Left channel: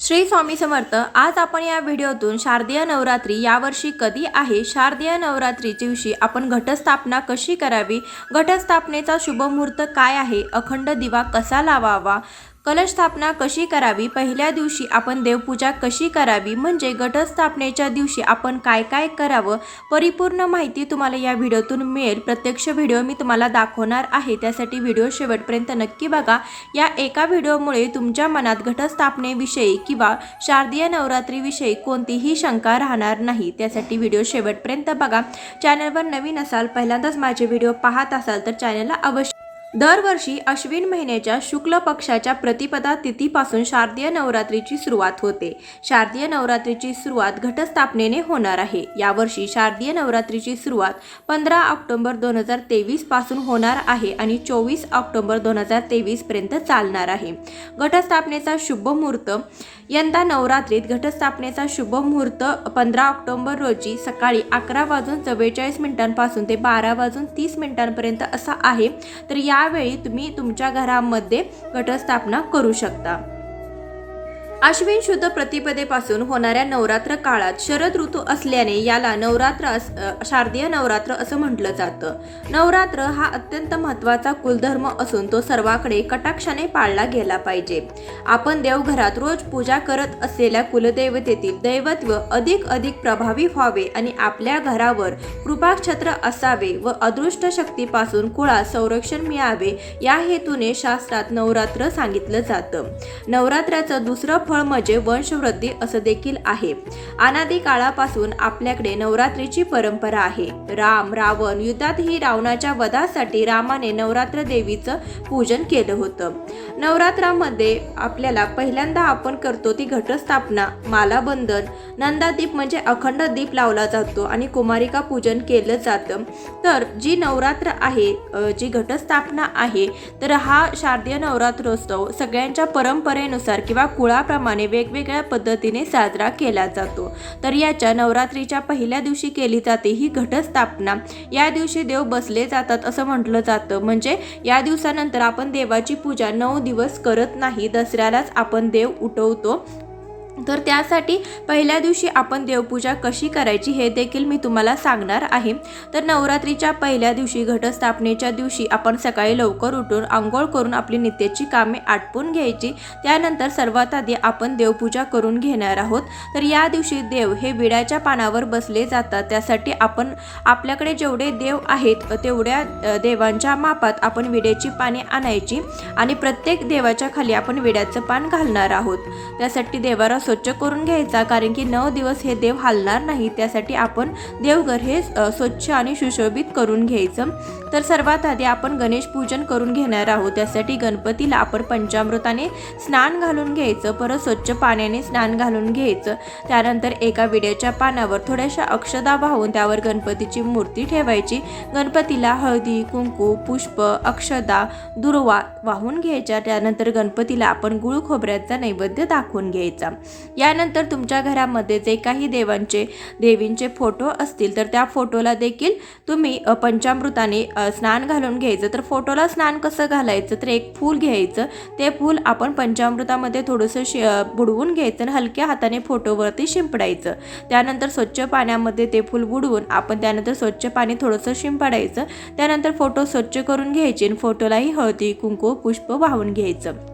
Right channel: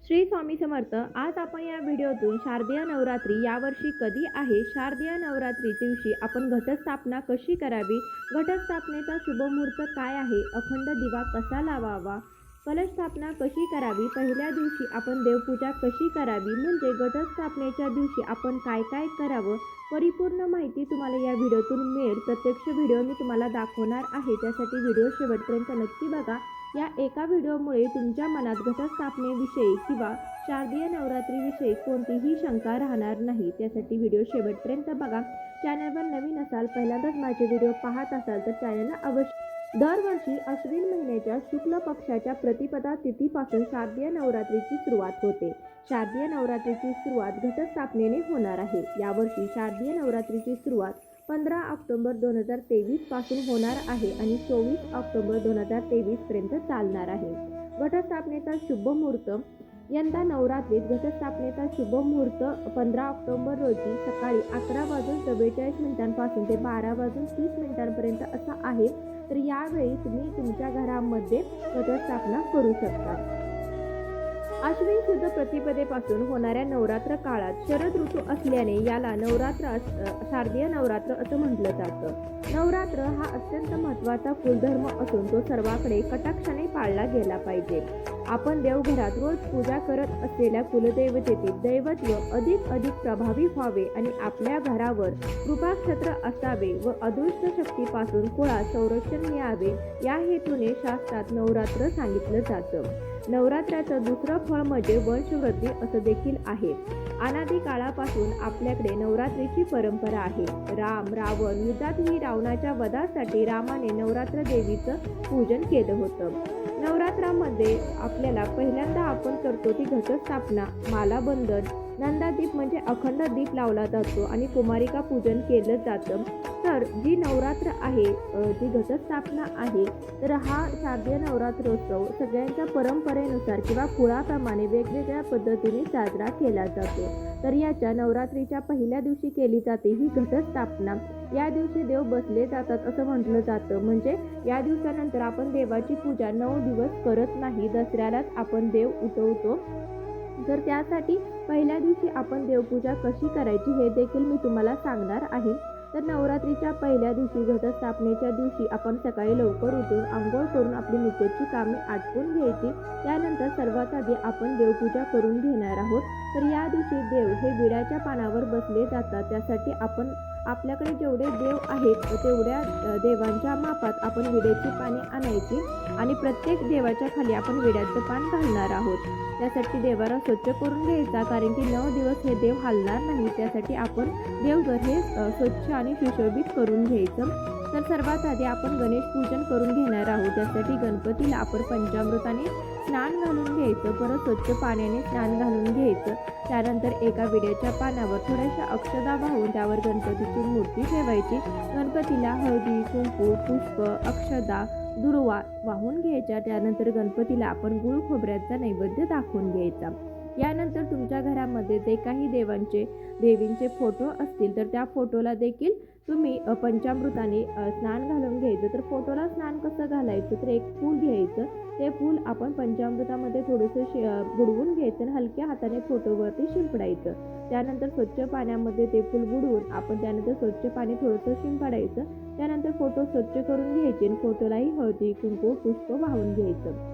श्री स्वामी समर्थ। आज आपण या व्हिडिओतून शारदीय नवरात्री यावर्षी कधी आहे, शारदीय नवरात्रीच्या दिवशी आपण घटस्थापना कशी करावी, घटस्थापनेचा शुभ मुहूर्त काय आहे, अखंड दिवा कसा लावावा, कलश स्थापना कशी करावी, पहिल्या दिवशी आपण देवपूजा कशी करावी, म्हणजे घटस्थापनेच्या दिवशी आपण काय काय करावं, परिपूर्ण माहिती तुम्हाला या व्हिडिओतून मिळेल। प्रत्यक्ष व्हिडिओ मी तुम्हाला दाखवणार आहे, त्यासाठी व्हिडिओ शेवटपर्यंत नक्की बघा। या एका व्हिडिओमुळे तुमच्या मनात घटस्थापनेविषयी किंवा शारदीय नवरात्रीविषयी कोणतीही शंका राहणार नाही, त्यासाठी व्हिडिओ शेवटपर्यंत बघा। चॅनलवर नवीन असाल, पहिल्यांदाच माझे व्हिडिओ पाहत असाल तर चॅनलला अवश्य दरवर्षी अश्विन महिन्याच्या शुक्ल पक्षाच्या प्रतिपदा तिथीपासून शारदीय नवरात्रीची सुरुवात होते। शारदीय नवरात्रीची सुरुवात घटस्थापनेने होणार आहे। यावर्षी शारदीय नवरात्रीची सुरुवात 15 ऑक्टोबर 2023 पासून होणार आहे आणि 24 ऑक्टोबर 2023 पर्यंत चालणार आहे। घटस्थापनेचा शुभ मुहूर्त यंदा नवरात्रीत घटस्थापनेचा शुभ मुहूर्त 15 ऑक्टोबर रोजी सकाळी 11:44 पासून ते 12:30 पर्यंत असा आहे। तर यावेळी तुम्ही तुमच्या घरामध्ये घटस्थापना करू शकता। अश्विन शुद्ध प्रतिपदेपासून होणाऱ्या नवरात्र काळात शरद ऋतू असल्याने याला शारदीय नवरात्र असं म्हटलं जातं। नवरात्र हा अत्यंत महत्त्वाचा कुलधर्म असून तो सर्वांकडे कटाक्षाने पाळला गेला पाहिजे। आपण देवघरात रोज पूजा करत असलेल्या कुलदेवतेतील दैवत्व अधिक प्रभावी व्हावे आणि आपल्या घरावर कृपाछत्र असावे व अदृष्ट शक्तीपासून कुळात संरक्षण मिळावे, या हेतूने शास्त्रात नवरात्र सांगितलं जातं। नवरात्राचं दुसरं फळ म्हणजे वंशवृद्धी असं देखील आहे। अनादी काळापासून आपल्याकडे नवरात्रीची परंपरा आहे। रावण युद्धातही रावणाच्या वधासाठी रामाने नवरात्र देवीचं पूजन केलं होतं। नवरात्रामध्ये आपल्याला पहिल्यांदा आपण करतो ती घटस्थापना, मालाबंधन, नंदादीप म्हणजे अखंड दीप लावला जातो आणि कुमारिका पूजन केलं जातं। तर जी नवरात्र आहे, जी घटस्थापना आहे, तर हा शारदीय नवरात्रोत्सव सगळ्यांच्या परंपरेनुसार किंवा कुळाप्रमाणे वेगवेगळ्या पद्धतीने साजरा केला जातो। तर याच्या नवरात्रीच्या पहिल्या दिवशी केली जाते ही घटस्थापना। या दिवशी देव बसले जातात असं म्हटलं जातं, म्हणजे या दिवसानंतर आपण देवाची पूजा 9 दिवस करत नाही, दसऱ्यालाच आपण देव उठवतो। तर त्यासाठी पहिल्या दिवशी आपण देवपूजा कशी करायची हे देखील मी तुम्हाला सांगणार आहे। तर नवरात्रीच्या पहिल्या दिवशी घटस्थापनेच्या दिवशी आपण सकाळी लवकर उठून आंघोळ करून आपली नित्याची कामे आटपून घ्यायची। त्यानंतर सर्वात आधी आपण देवपूजा करून घेणार आहोत। तर या दिवशी देव हे विड्याच्या पानावर बसले जातात, त्यासाठी आपण आपल्याकडे जेवढे देव आहेत तेवढ्या देवांच्या मापात आपण विड्याची पाने आणायची आणि प्रत्येक देवाच्या खाली आपण विड्याचं पान घालणार आहोत। त्यासाठी देवारा स्वच्छ करून घ्यायचा, कारण की 9 दिवस हे देव हलणार नाही, त्यासाठी आपण देवघर हे स्वच्छ आणि सुशोभित करून घ्यायचं। तर सर्वात आधी आपण गणेश पूजन करून घेणार आहोत। त्यासाठी गणपतीला आपण पंचामृताने स्नान घालून घ्यायचं, परत स्वच्छ पाण्याने स्नान घालून घ्यायचं। त्यानंतर एका विड्याच्या पानावर थोड्याशा अक्षदा वाहून त्यावर गणपतीची मूर्ती ठेवायची। गणपतीला हळदी, कुंकू, पुष्प, अक्षदा, दुर्वा वाहून घ्यायच्या। त्यानंतर गणपतीला आपण गुळ खोबऱ्याचा नैवेद्य दाखवून घ्यायचा। यानंतर तुमच्या घरामध्ये जे काही देवींचे फोटो असतील तर त्या फोटोला देखील तुम्ही पंचामृताने स्नान घालून घ्यायचं। तर फोटोला स्नान कसं घालायचं, तर एक फूल घ्यायचं, ते फूल आपण पंचामृतामध्ये थोडंसं बुडवून घ्यायचं आणि हलक्या हाताने फोटोवरती शिंपडायचं। त्यानंतर स्वच्छ पाण्यामध्ये ते फूल बुडवून आपण त्यानंतर स्वच्छ पाणी थोडंसं शिंपडायचं। त्यानंतर फोटो स्वच्छ करून घ्यायचे आणि फोटोलाही हळदी, कुंकू, पुष्प वाहून घ्यायचं।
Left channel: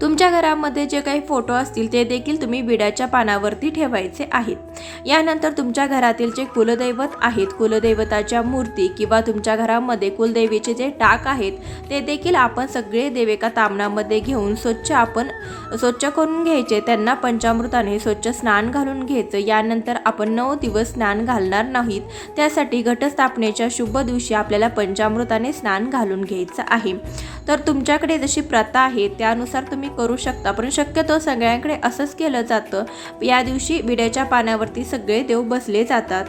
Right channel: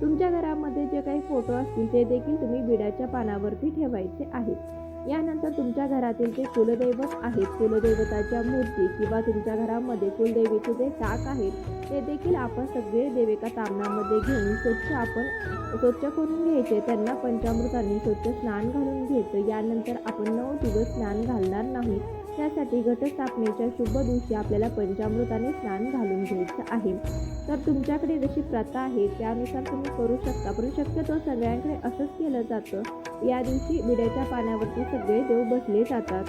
तुमच्या घरामध्ये जे काही फोटो असतील ते देखील तुम्ही विड्याच्या पानावरती ठेवायचे आहेत। यानंतर तुमच्या घरातील जे कुलदैवत आहेत, कुलदैवताच्या मूर्ती किंवा तुमच्या घरामध्ये कुलदेवीचे जे टाक आहेत ते देखील आपण सगळे देव एका तामणामध्ये घेऊन स्वच्छ करून घ्यायचे, त्यांना पंचामृताने स्वच्छ स्नान घालून घ्यायचं। यानंतर आपण 9 दिवस स्नान घालणार नाहीत, त्यासाठी घटस्थापनेच्या शुभ दिवशी आपल्याला पंचामृताने स्नान घालून घ्यायचं आहे। तर तुमच्याकडे जशी प्रथा आहे त्यानुसार तुम्ही करू शकता, पण शक्यतो सगळ्यांकडे असंच केलं जातं। या दिवशी विड्याच्या पानावरती सगळे देव बसले जातात।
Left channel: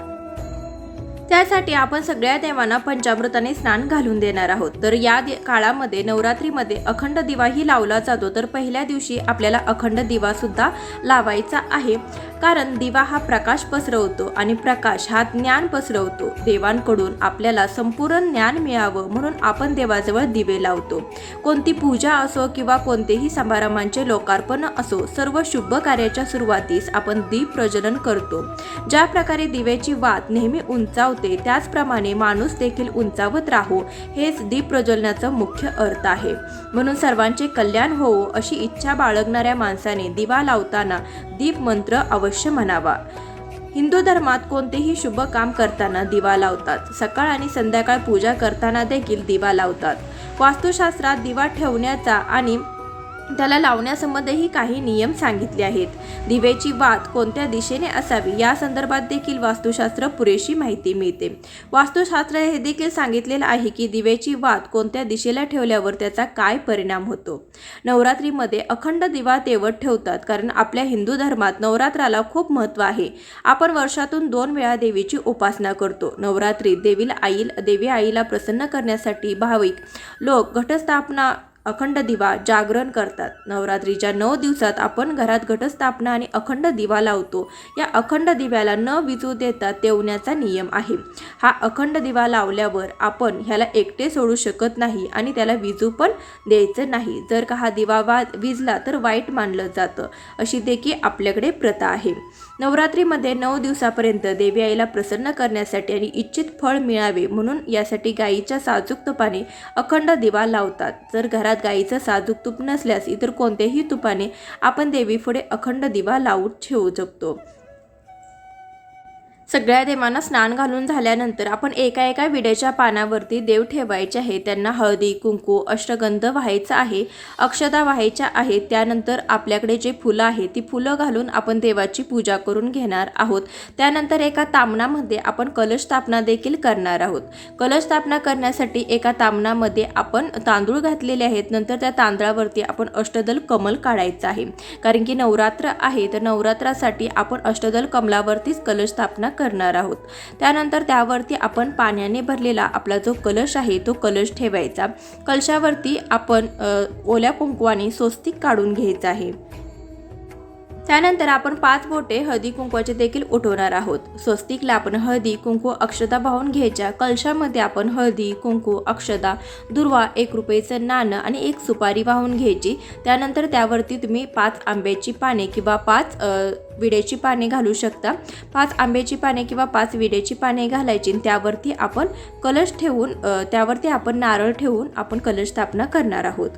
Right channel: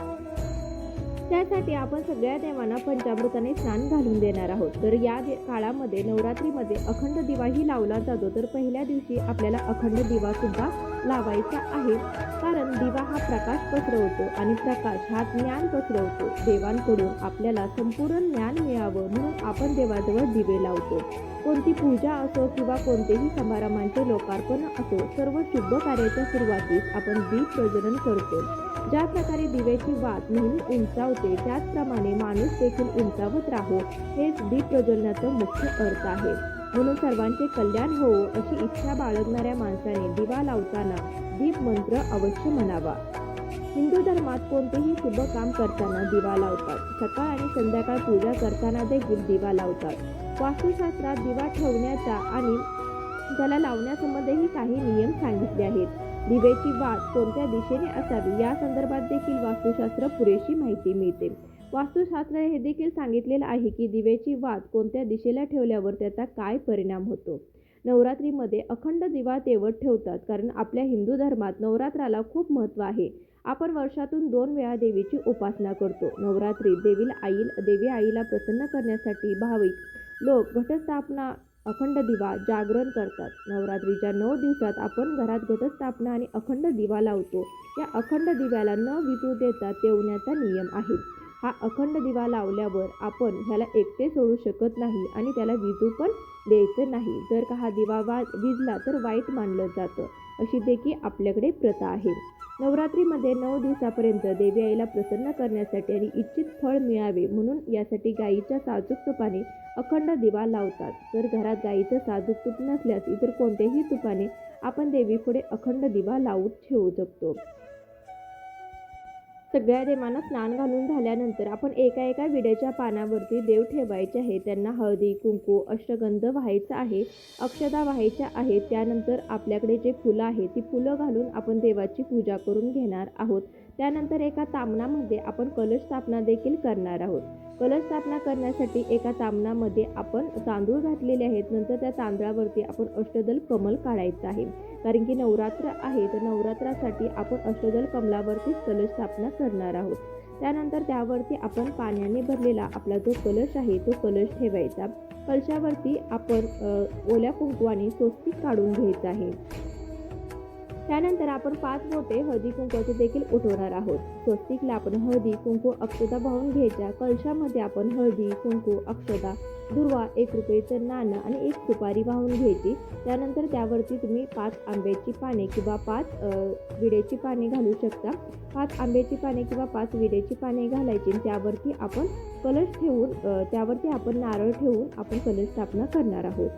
त्यासाठी आपण सगळ्या देवांना पंचामृताने स्नान घालून देणार आहोत। तर या काळामध्ये नवरात्रीमध्ये अखंड दिवाही लावला जातो। तर पहिल्या दिवशी आपल्याला अखंड दिवा सुद्धा लावायचा आहे, कारण दिवा हा प्रकाश पसरवतो आणि प्रकाश हा ज्ञान पसरवतो। देवांकडून आपल्याला संपूर्ण ज्ञान मिळावं म्हणून आपण देवाजवळ दिवे लावतो। कोणती पूजा असो किंवा कोणतेही समारंभांचे लोकार्पण असो, सर्व शुभ कार्याच्या सुरुवातीस आपण दीप प्रज्वलन करतो। ज्या प्रकारे दिव्याची वात नेहमी उंचावते, त्याचप्रमाणे माणूस देखील उंचावत राहो, हेच दीप प्रज्वलनाचा मुख्य अर्थ आहे। म्हणून सर्वांचे कल्याण होवो अशी इच्छा बाळगणाऱ्या माणसाने दिवा लावताना दीप मंत्र अवश्य म्हणावा। हिंदू धर्मात कोणतेही शुभ काम करताना दिवा लावतात। सकाळ आणि संध्याकाळ पूजा करताना देखील दिवा लावतात। वास्तुशास्त्रात दिवा ठेवण्याचा आणि त्याला लावण्यासंबंधीही काही नियम सांगितले आहेत। दिव्याची वात कोणत्या दिशेने असावी या संदर्भात देखील वास्तुशास्त्र पुरेशी माहिती मिळते। वास्तुशास्त्र हे देखील सांगितलेलं आहे की दिव्याची वात कोणत्या दिशेला ठेवल्यावर त्याचा काय परिणाम होतो। नवरात्रीमध्ये अखंड दिवा तेवत ठेवतात, कारण आपल्या हिंदू धर्मात नवरात्राला खूप महत्त्व आहे। आपण वर्षातून 2 वेळा देवीची उपासना करतो। नवरात्रीत देवी आईला प्रसन्न करण्यासाठी भाविक लोक घटस्थापना, अखंड दिवा, जागरण करतात। नवरात्रीच्या 9 दिवसात आपण घरात घटस्थापना आणि अखंड दिवा लावतो। या अखंड दिव्याला न विझू देता तेवण्याचा नियम आहे। हा अखंड दिवा लावल्यावर आपण ह्याला एकटे सोडू शकत नाही आणि त्याला विझू पण द्यायचं नाही। जर का हा दिवा विझला तर वाईट मानलं जातं, अशी देखील आपल्याकडे प्रथा आहे। नवरात्रीमध्ये 9 दिवसापर्यंत देवी आईला प्रसन्न करण्यासाठी आणि इच्छित फळ मिळावे म्हणून यासाठी गाईच्या साजूक तुपाने अखंड दिवा लावतात। जर घरात गाईचं साजूक तूप नसल्यास इतर कोणत्याही तुपाने आपण देवीपुढे अखंड दिवा लावून ठेवू शकतो। सगळ्या देवांना स्नान घालून झाल्यानंतर आपण एका विड्याच्या पानावरती देव ठेवायचे आहे। त्यांना हळदी, कुंकू, अष्टगंध व्हायचा आहे, अक्षता व्हायच्या आहेत। त्यानंतर आपल्याकडे जे फुलं आहे ती फुलं घालून आपण देवाची पूजा करून घेणार आहोत। त्यानंतर एका तामणामध्ये आपण कलश स्थापना देखील करणार आहोत। कलश स्थापना करण्यासाठी एका तामणामध्ये आपण तांदूळ घातलेले आहेत। नंतर त्या तांदळावरती आपण अष्टदल कमल काढायचं आहे, कारण की नवरात्र आहे। तर नवरात्रासाठी आपण अष्टदल कमलावरतीच कलश स्थापना करणार आहोत। त्यानंतर त्यावरती आपण पाण्याने भरलेला आपला जो कलश आहे तो कलश ठेवायचा। कलशावरती आपण ओल्या कुंकवाने स्वस्तिक काढून घ्यायचं आहे। त्यानंतर आपण 5 बोटे हळदी कुंकवाचे देखील उठवणार आहोत। स्वस्तिकला आपण हळदी, कुंकू, अक्षता वाहून घ्यायच्या। कलशामध्ये आपण हळदी, कुंकू, अक्षता, दुर्वा, 1 रुपयाचं नाणं आणि 1 सुपारी वाहून घ्यायची। त्यानंतर त्यावरती तुम्ही 5 आंब्याची पाने किंवा 5 विड्याची पाने घालू शकता। 5 आंब्याची पाने किंवा 5 विड्याची पाने घालायची। त्यावरती आपण कलश ठेवून त्यावरती आपण नारळ ठेवून आपण कलश स्थापना करणार आहोत।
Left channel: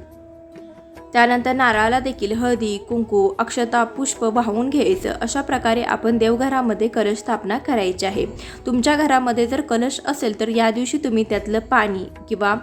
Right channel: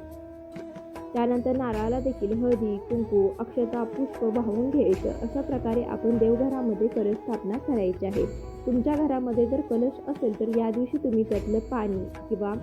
त्यानंतर नारळाला देखील हळदी, कुंकू, अक्षता, पुष्प वाहून घ्यायचं। अशा प्रकारे आपण देवघरामध्ये कलश स्थापना करायची आहे। तुमच्या घरामध्ये जर कलश असेल तर या दिवशी तुम्ही त्यातलं पाणी किंवा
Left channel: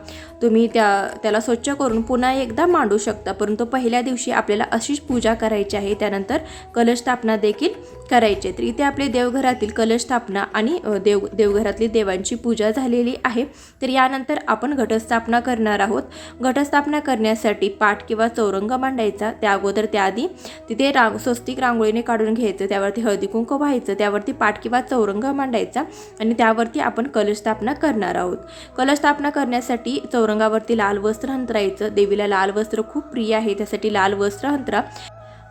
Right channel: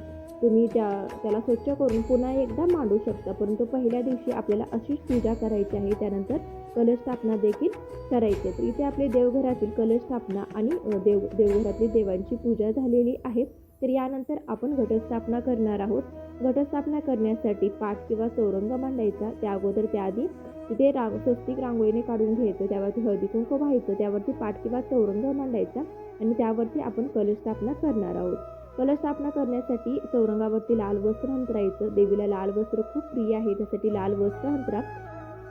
तुम्ही त्याला स्वच्छ करून पुन्हा एकदा मांडू शकता, परंतु पहिल्या दिवशी आपल्याला अशीच पूजा करायची आहे। त्यानंतर कलश स्थापना देखील करायची। तर इथे आपले देवघरातील कलश स्थापना आणि देवघरातली देवांची पूजा झालेली आहे। तर यानंतर आपण घटस्थापना करणार आहोत। घटस्थापना करण्यासाठी पाट किंवा चौरंग मांडायचा। त्या अगोदर त्याआधी तिथे स्वस्तिक रांगोळीने काढून घ्यायचं, त्यावरती हळदी कुंकू व्हायचं, त्यावरती पाट किंवा चौरंग मांडायचा आणि त्यावरती आपण कलश स्थापना करणार आहोत। कलश स्थापना करण्यासाठी चौरंगावरती लाल वस्त्र अंतरायचं। देवीला लाल वस्त्र खूप प्रिय आहे, त्यासाठी लाल वस्त्र अंतरा।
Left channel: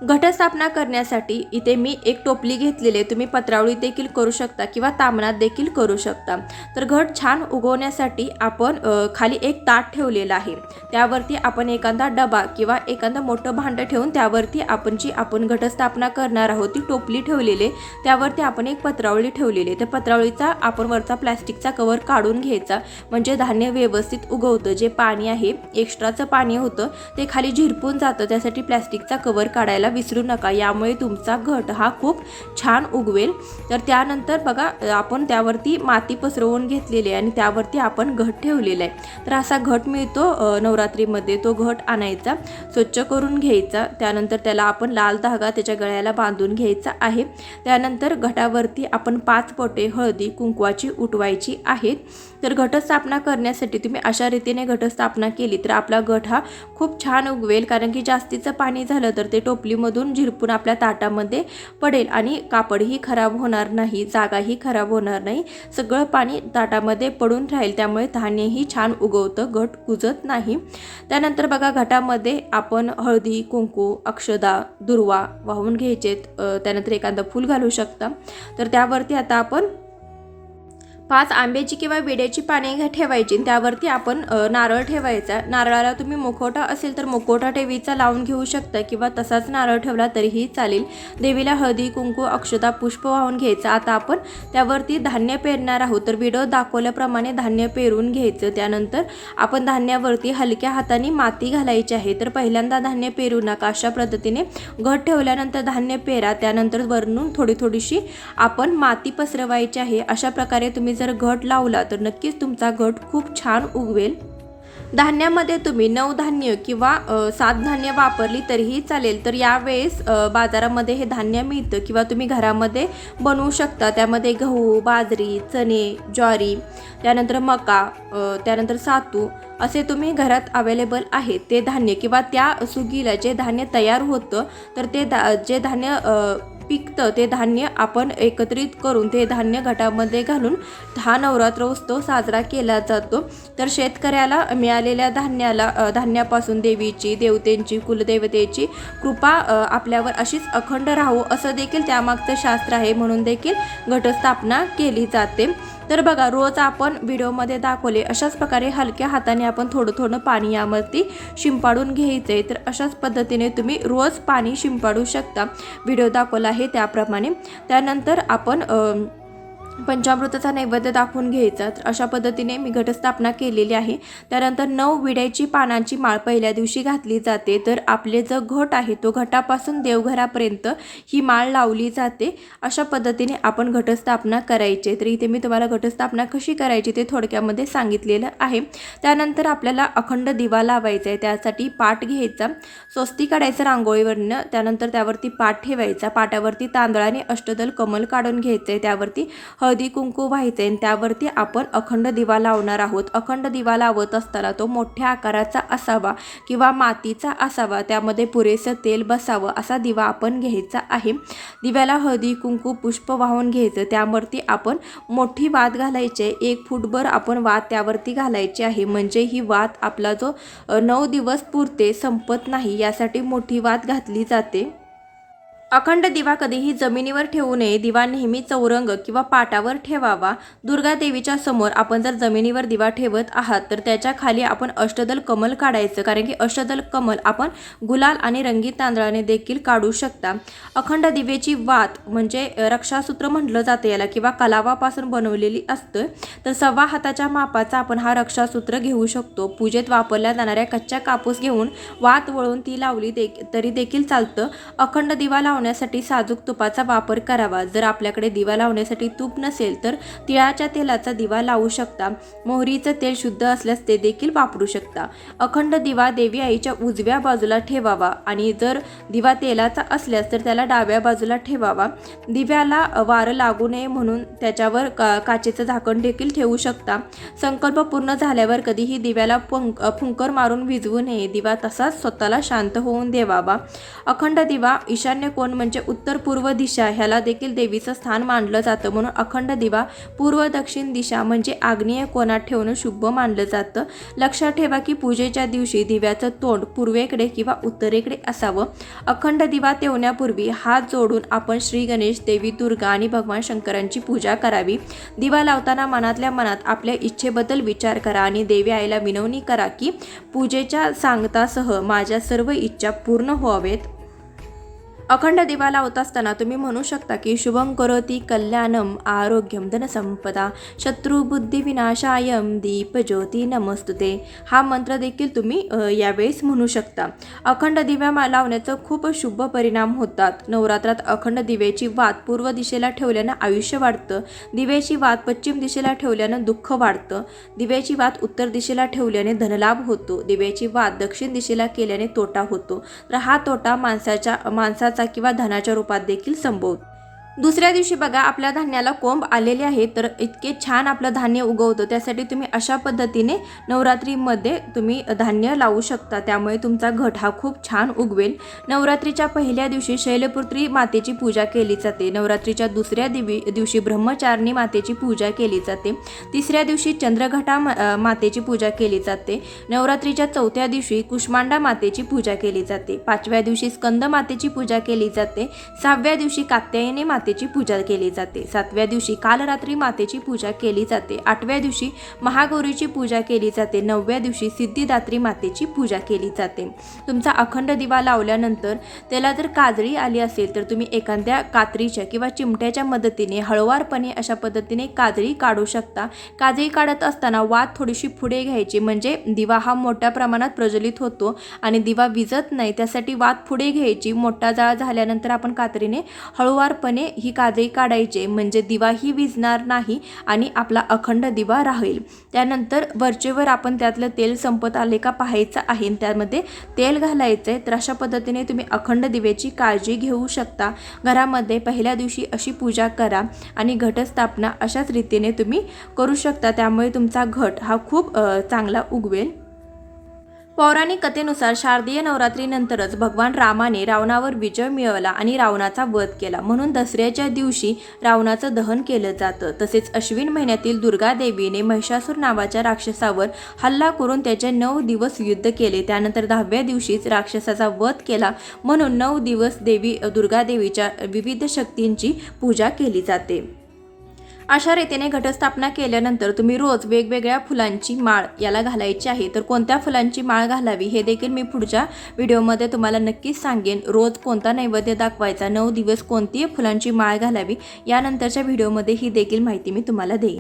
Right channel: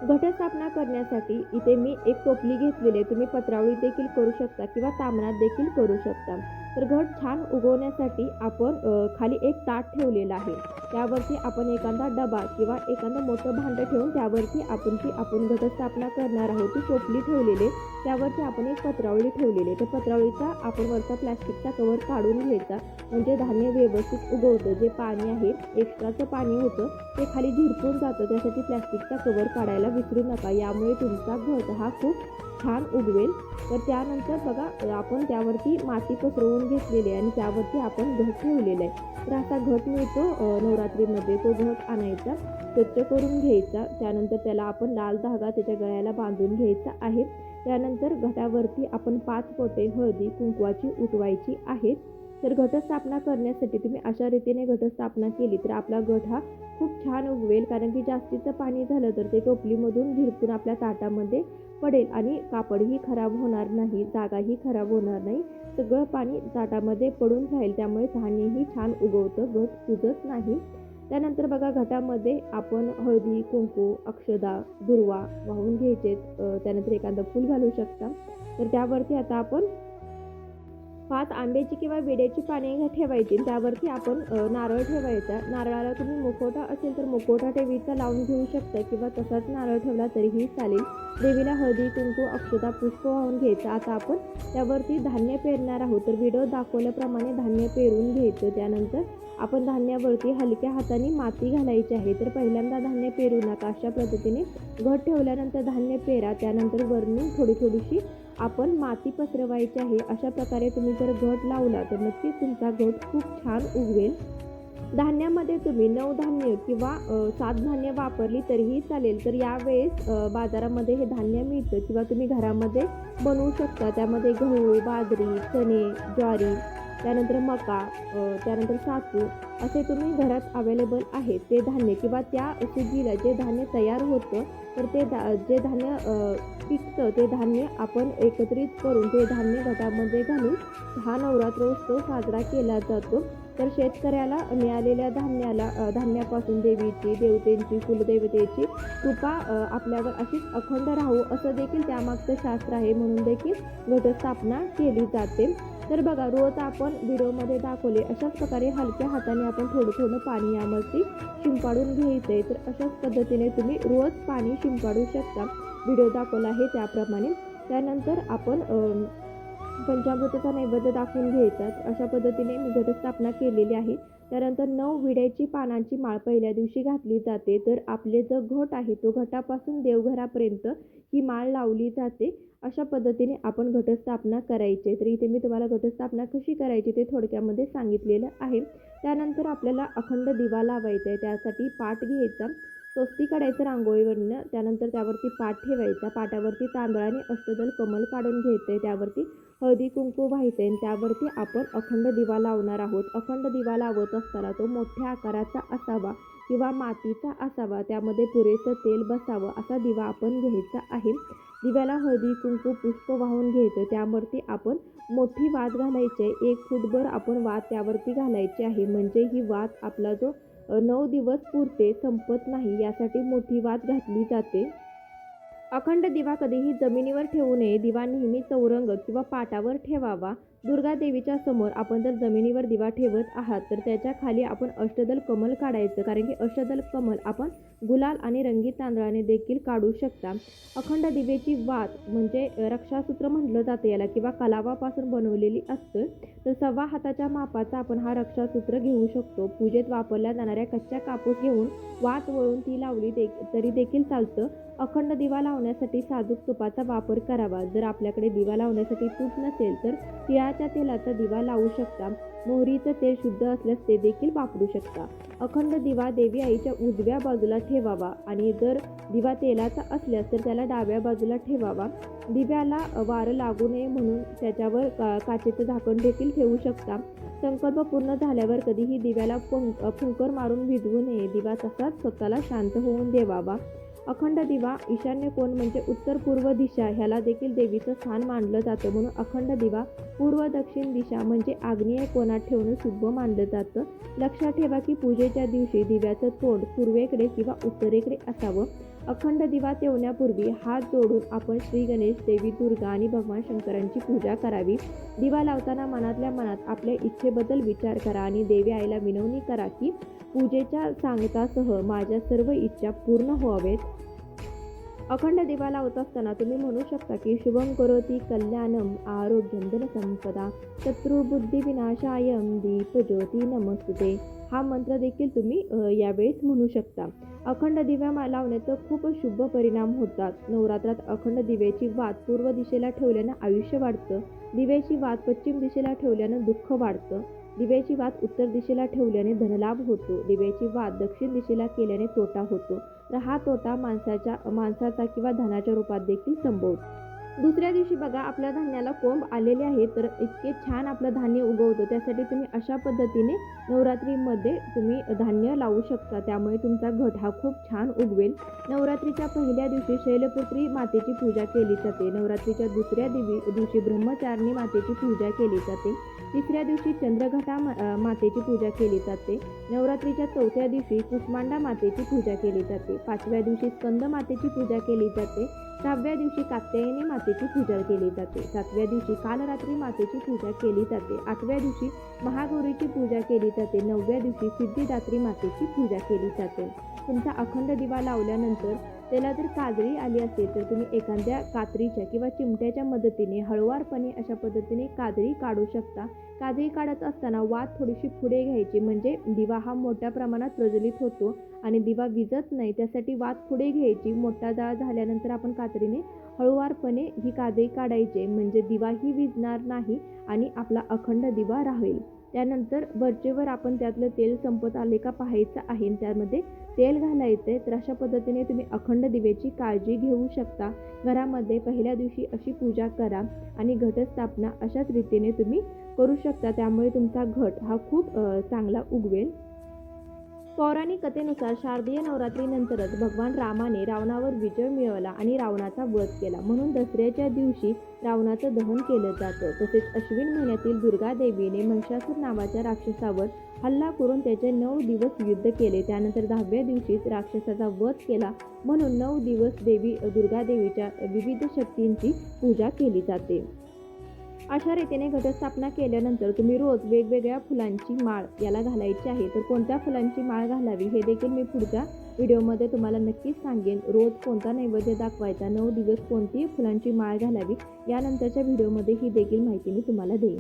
घटस्थापना करण्यासाठी इथे मी एक टोपली घेतलेली आहे। तुम्ही पत्रावळी देखील करू शकता किंवा तामणात देखील करू शकता। तर घट छान उगवण्यासाठी आपण खाली एक ताट ठेवलेलं आहे। त्यावरती आपण एखादा डबा किंवा एखादं मोठं भांडं ठेवून त्यावरती आपण घटस्थापना करणार आहोत ती टोपली ठेवलेली आहे। त्यावरती आपण एक पत्रावळी ठेवलेली आहे। त्या पत्रावळीचा आपण वरचा प्लास्टिकचा कवर काढून घ्यायचा, म्हणजे धान्य व्यवस्थित उगवतं। जे पाणी आहे, एक्स्ट्राचं पाणी होतं ते खाली झिरपून जातं, त्यासाठी प्लास्टिकचा कवर काढायला विसरू नका। यामुळे तुमचा घट हा खूप छान उगवेल। तर त्यानंतर बघा आपण त्यावरती माती पसरवून घेतलेली आहे आणि त्यावरती आपण घट ठेवलेला आहे। तर असा घट मिळतो नवरात्रीमध्ये, तो घट आणायचा, स्वच्छ करून घ्यायचा। त्यानंतर त्याला आपण लाल धागा त्याच्या गळ्याला बांधून घ्यायचा आहे। त्यानंतर घटावरती आपण 5 पोटे हळदी कुंकवाची उठवायची आहेत। तर घटस्थापना करण्यासाठी तुम्ही अशा रीतीने घटस्थापना केली तर आपला घट हा खूप छान उगवेल, कारण की जास्तीचं पाणी झालं तर ते टोपली खालीमधून झिरपून आपल्या ताटामध्ये पडेल आणि कापडही खराब होणार नाही, जागाही खराब होणार नाही, सगळं पाणी ताटामध्ये पडून राहील. त्यामुळे धान्यही छान उगवतं, घट कुजत नाही. त्यानंतर बघा घटामध्ये आपण हळदी, कुंकू, अक्षदा, दुर्वा वाहून घ्यायचेत. त्यानंतर एखादं फूल घालू शकता. तर त्यावरती आता आपण 5 आंब्याची किंवा विड्याची पाने ठेवायची. त्यावरती आपण नारळ ठेवायचा. नारळाला तुम्ही मुखवटा असेल तर मुखवटा ठेवीचा लावून घेऊ शकता किंवा तसाच नारळ ठेवला तरीही चालेल. देवीला हळदी, कुंकू, अक्षता, पुष्प वाहून घ्यायचं. आता आपण त्यावरती धान्य पेरणार आहोत. तर व्हिडिओ दाखवल्याप्रमाणे धान्य पेरून घ्यायचं. त्यानंतर आपण धान्यावरती हलक्या हाताने माती घालायची आहे. तर पहिल्यांदा धान्य पेरू नका. अशा पद्धतीने घट ठेवल्यानंतर धान्य पेरा. त्यानंतर वरून थोडीशी आपण माती पसरवायची आहे. अशा प्रकारे तुम्ही जर घट लावला तर नक्कीच तुमचा घट खूप छान उगवेल. धान्यामध्ये तुम्ही 9 धान्य किंवा 7 धान्य वापरली तरीही चालेल. तर यावेळेस बाजारामध्ये हे धान्य मिळतं किंवा तुम्ही घरामध्ये बनवू शकता. त्यामध्ये गहू, बाजरी, चणे, ज्वारी, त्यानंतर मका, त्यानंतर सातू असे तुम्ही घरात अवेलेबल आहे ते धान्य किंवा त्या सुगीला जे धान्य तयार होतं तर ते जे धान्य पिकतं ते धान्य आपण एकत्रित करून ते धान्य घटामध्ये घालून हा नवरात्र उत्सव साजरा केला जातो. तर शेतकऱ्याला मिळालेल्या धान्यापासून देवीची, देवतेंची, कुलदेवतेची कृपा आपल्यावर अशीच अखंड राहू असं देखील त्यामागचं शास्त्र आहे. म्हणून देखील घटस्थापना केली जाते. तर बघा रोज आपण व्हिडिओमध्ये दाखवले अशाच प्रकारे हलक्या हाताने आपण थोडं पाणी यावरती शिंपाडून घ्यायचे. तर अशाच पद्धतीने तुम्ही रोज पाणी शिंपाडू शकता. व्हिडिओ दाखवला आहे त्याप्रमाणे. त्यानंतर आपण पंचामृताचा नैवेद्य दाखवून घ्यायचा. तर अशा पद्धतीने मी घटस्थापना केलेली आहे. त्यानंतर 9 विड्याची पानांची माळ पहिल्या दिवशी घातली जाते. तर आपले जो घट आहे तो घटापासून देवघरापर्यंत ही माळ लावली जाते. अशा पद्धतीने आपण घटस्थापना करायची. तर इथे मी तुम्हाला घटस्थापना कशी करायची ते थोडक्यामध्ये सांगितलेलं आहे. त्यानंतर आपल्याला अखंड दिवा लावायचा आहे. त्यासाठी पाट घ्यायचा, स्वस्ती काढायचं रांगोळीवरनं. त्यानंतर त्यावरती पाट ठेवायचा. पाटावरती तांदळाने अष्टदल कमल काढून घ्यायचे. त्यावरती हळदी कुंकू व्हायचे आणि त्यावरती आपण अखंड दिवा लावणार आहोत. अखंड दिवा लावत असताना तो मोठ्या आकाराचा असावा किंवा मातीचा असावा. त्यामध्ये पुरेसं तेल बसावं असा दिवा आपण घ्यायचा आहे. दिव्याला हळदी कुंकू पुष्प वाहून घ्यायचं. त्यावरती आपण मोठी वात घालायची. 1 फूटभर आपण वात त्यावरती घालायची आहे. म्हणजे ही वात आपला जो 9 दिवस पुरते संपत नाही यासाठी मोठी वात घातली जाते. अखंड दिवा कधीही जमिनीवर ठेवू नये. दिवा नेहमी चौरंग किंवा पाटावर ठेवावा. दुर्गा देवीच्या समोर आपण जर जमिनीवर दिवा ठेवत आहात तर त्याच्या खाली आपण अष्टदल कमल काढायचं. कारण की अष्टदल कमल आपण गुलाल आणि रंगीत तांदळाने देखील काढू शकता. अखंड दिवेची वात म्हणजे रक्षासूत्र म्हटलं जातं याला किंवा कलावापासून बनवलेली असतं. तर 1.25 हाताच्या मापाचा आपण हा रक्षासूत्र घेऊ शकतो. पूजेत वापरल्या जाणाऱ्या कच्च्या कापूस घेऊन वात वळून ती लावली तरी देखील चालतं. अखंड दिवा लावण्यासाठी साजूक तुपाचा वापर करावा. जर आपल्याकडे दिवा लावण्यासाठी तूप नसेल तर तिळाच्या तेलाचा दिवा लावू शकता. मोहरीचं तेल शुद्ध असल्यास ते देखील वापरू शकता. अखंड दिवा देवी आईच्या उजव्या बाजूला ठेवावा आणि जर दिवा तेलाचा असल्यास तर त्याला डाव्या बाजूला ठेवावा. दिव्याला वारं लागू नये म्हणून त्याच्यावर काचेचं झाकण देखील ठेवू शकता. संकल्प पूर्ण झाल्यावर कधीही दिव्याला फुंकर मारून विझवू नये. दिवा तसाच स्वतःला शांत होऊन देवावा. अखंड दिवा ईशान्य कोण म्हणजे उत्तर पूर्व दिशा ह्याला देखील देवीचं स्थान मानलं जातं. म्हणून अखंड दिवा पूर्व दक्षिण दिशा म्हणजे आग्नेय कोणात ठेवणं शुभ मानलं जातं. लक्षात ठेवा की पूजेच्या दिवशी दिव्याचं तोंड पूर्वेकडे किंवा उत्तरेकडे असावं. अखंड दिवा तेवण्यापूर्वी हात जोडून आपण श्री गणेश, देवी दुर्गा आणि भगवान शंकरांची पूजा करावी. दिवा लावताना मनातल्या मनात आपल्या इच्छेबद्दल विचार करा आणि देवी आईला विनवणी करा की पूजेच्या सांगतासह माझ्या सर्व इच्छा पूर्ण व्हावेत. अखंड दिवा लावत असताना तुम्ही म्हणू शकता की शुभम करोति कल्याणम आरोग्यम धनसंपदा शत्रुबुद्धी विनाशायम दीपज्योती नमस्तुते. हा मंत्र देखील तुम्ही यावेळेस म्हणू शकता. अखंड दिव्या लावण्याचं खूप शुभ परिणाम होतात. नवरात्रात अखंड दिव्याची वात पूर्व दिशेला ठेवल्यानं आयुष्य वाढतं. दिव्याची वात पश्चिम दिशेला ठेवल्यानं दुःख वाढतं. दिव्याची वात उत्तर दिशेला ठेवल्याने धनलाभ होतो. दिव्याची वात दक्षिण दिशेला केल्याने तोटा होतो. तर हा तोटा माणसाचा किंवा धनाच्या रूपात देखील संभवतो. दुसऱ्या दिवशी बघा आपल्या धान्याला कोंब आलेले आहे, तर इतके छान आपलं धान्य उगवतं. त्यासाठी तुम्ही अशा पद्धतीने नवरात्रीमध्ये तुम्ही धान्य लावू शकता, त्यामुळे तुमचा घट हा खूप छान उगवेल. नवरात्रीच्या पहिल्या दिवशी शैलपुत्री मातेची पूजा केली जाते. नवरात्रीच्या दुसऱ्या दिवशी ब्रह्मचारिणी मातेची पूजा केली जाते. तिसऱ्या दिवशी चंद्रघटा मातेची पूजा केली जाते. नवरात्रीच्या चौथ्या दिवशी कुष्मांडा मातेची पूजा केली जाते. पाचव्या दिवशी स्कंद मातेची पूजा केली जाते. सहाव्या दिवशी कात्यायनी मातेची पूजा केली जाते. सातव्या दिवशी कालरात्री मातेची पूजा केली जाते. आठव्या दिवशी महागौरीची पूजा केली जाते. नवव्या दिवशी सिद्धिदात्री मातेची पूजा केली जाते. तुमचा अखंड दिवा लावल्यानंतर त्याला जर काजळी आली असेल तर तुम्ही एखाद्या कात्रीच्या किंवा चिमट्याच्या मदतीने हळूवारपणे अशा पद्धतीने काजळी काढू शकता. काजळी काढत असताना वात थोडीशी पुढे घ्यायची, म्हणजे दिवा हा मोठ्या प्रमाणात प्रज्वलित होतो आणि दिवा विझत नाही, त्यासाठी वात पुढे घ्यायची. मोठा जाळ झाल्यानंतर आपण कात्रीने हळूवारपणे ही काजळी काढायची, म्हणजे दिवाही विझणार नाही आणि आपला अखंड दिवा राहील. त्यानंतर वरचेवर आपण त्यातलं तेल संपत आले का पाहायचं आहे, त्यामध्ये तेल घालायचं आहे. तर अशा पद्धतीने तुम्ही अखंड दिव्याची काळजी घेऊ शकता. घरामध्ये पहिल्या दिवशी अशी पूजा करा आणि घटस्थापना अशाच रीतीने तुम्ही करू शकता, त्यामुळे तुमचा घट हा खूप चांगला उगवेल. पौराणिक कथेनुसार शारदीय नवरात्रीनंतरच भगवान रामाने रावणावर विजय मिळवला आणि रावणाचा वध केला, म्हणून दसऱ्याच्या दिवशी रावणाचं दहन केलं जातं. तसेच अश्विन महिन्यातील दुर्गा देवीने महिषासूर नावाच्या राक्षसावर हल्ला करून त्याचे 9 दिवस युद्ध केले. त्यानंतर 10व्या दिवशीच राक्षसाचा वध केला, म्हणून 9 दिवस दुर्गा देवीच्या विविध शक्तींची पूजा केली जाते. अशा रीतीने घटस्थापना केल्यानंतर तुम्ही रोज वेगवेगळ्या फुलांची माळ याला घालायची आहे. तर कोणत्या फुलांची माळ घालावी हे देखील मी पुढच्या व्हिडिओमध्ये तुम्हाला नक्कीच सांगेन. रोज कोणता नैवेद्य दाखवायचा, 9 दिवस कोणती फुलांची माळ घालावी, यानंतरच्या व्हिडिओमध्ये ही देखील माहिती मी तुम्हाला देईन.